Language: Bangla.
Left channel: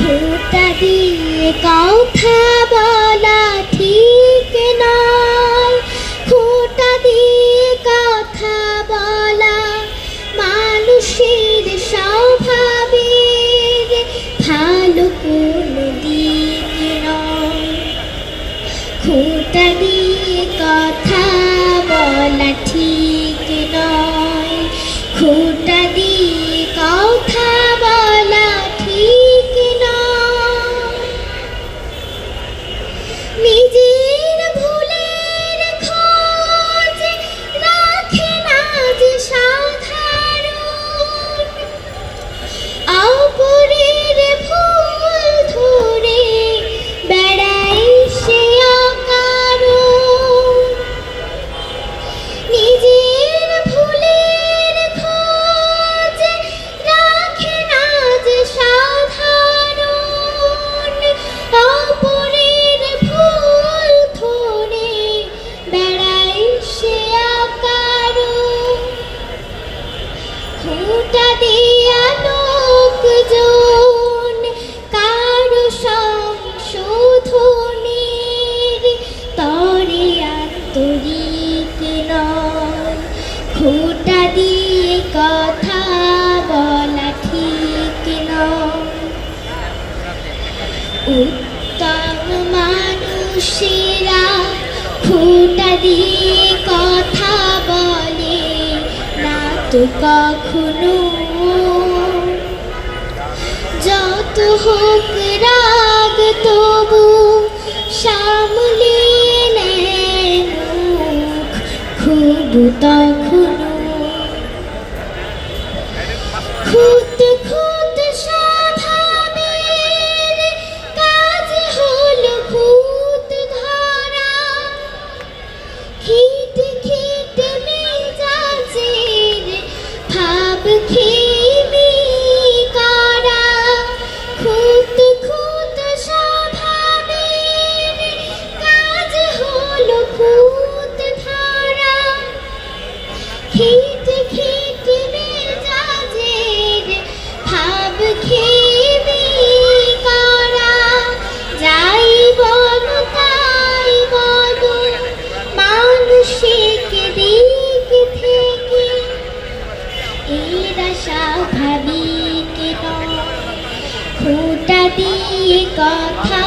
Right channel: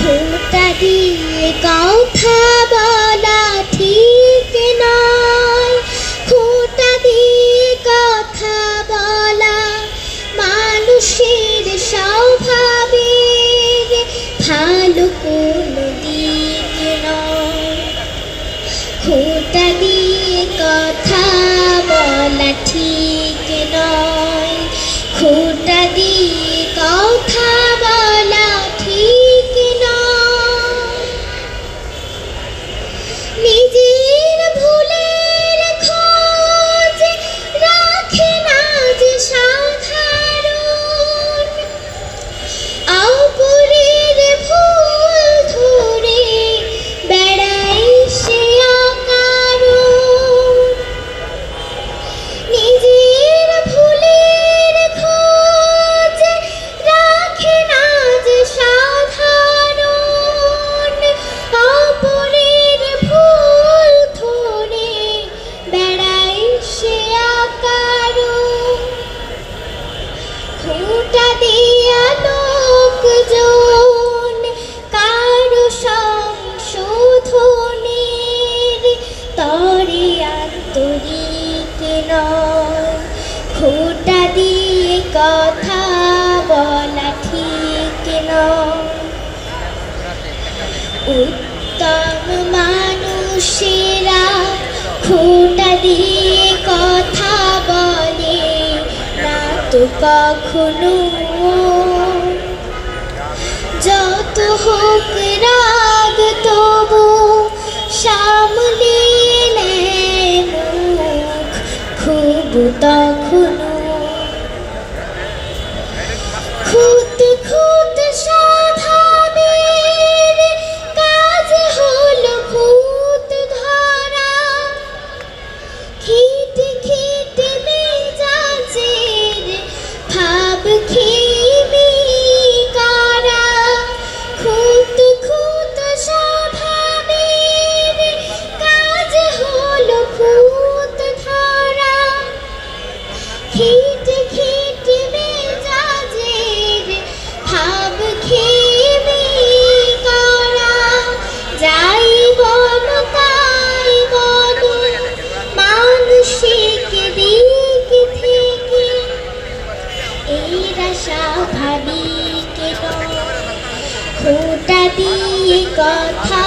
খোঁটা দিয়ে কথা বলা ঠিক নয়, খোঁটা দিয়ে কথা বলা মানুষের স্বভাবের ভালো কোনো দিক নয়। খোঁটা দিয়ে কথা বলা ঠিক নয়, খোঁটা দিয়ে কথা বলা ঠিক নয়। নিজের ভুলের খোঁজ রাখে না যে সাধারণ, অপরের ভুল ধরে বেড়াই সে অকারণ। নিজের ভুলের খোঁজ রাখে না যে সাধারণ, অপরের ভুল ধরে বেড়াই সে অকারণ। খোঁটা দিয়া লোকজন কারো সংশোধনের তরে আন্তরিক নয়, খোঁটা দিয়ে কথা বলা ঠিক নয়। উত্তম মানুষেরা খোঁটা দিয়ে কথা বলে না তো কখনো। যত হোক রাগ তবু সামলিয়ে নেয় মুখ খুব তখনো। খুঁত খুঁত স্বভাবের কাজ হলো খুঁত ধরা, খিটে খিটে মেজাজের ভাব খেমি করা। খুঁত খুঁত স্বভাবের কাজ হলো খুঁত ধরা, খিটে খিটে মেজাজের ভাব খেমি করা। যাই বলো তাই বলো মানসিক দিক থেকে এরা স্বাভাবিক নয়। খোঁটা দিয়ে কথা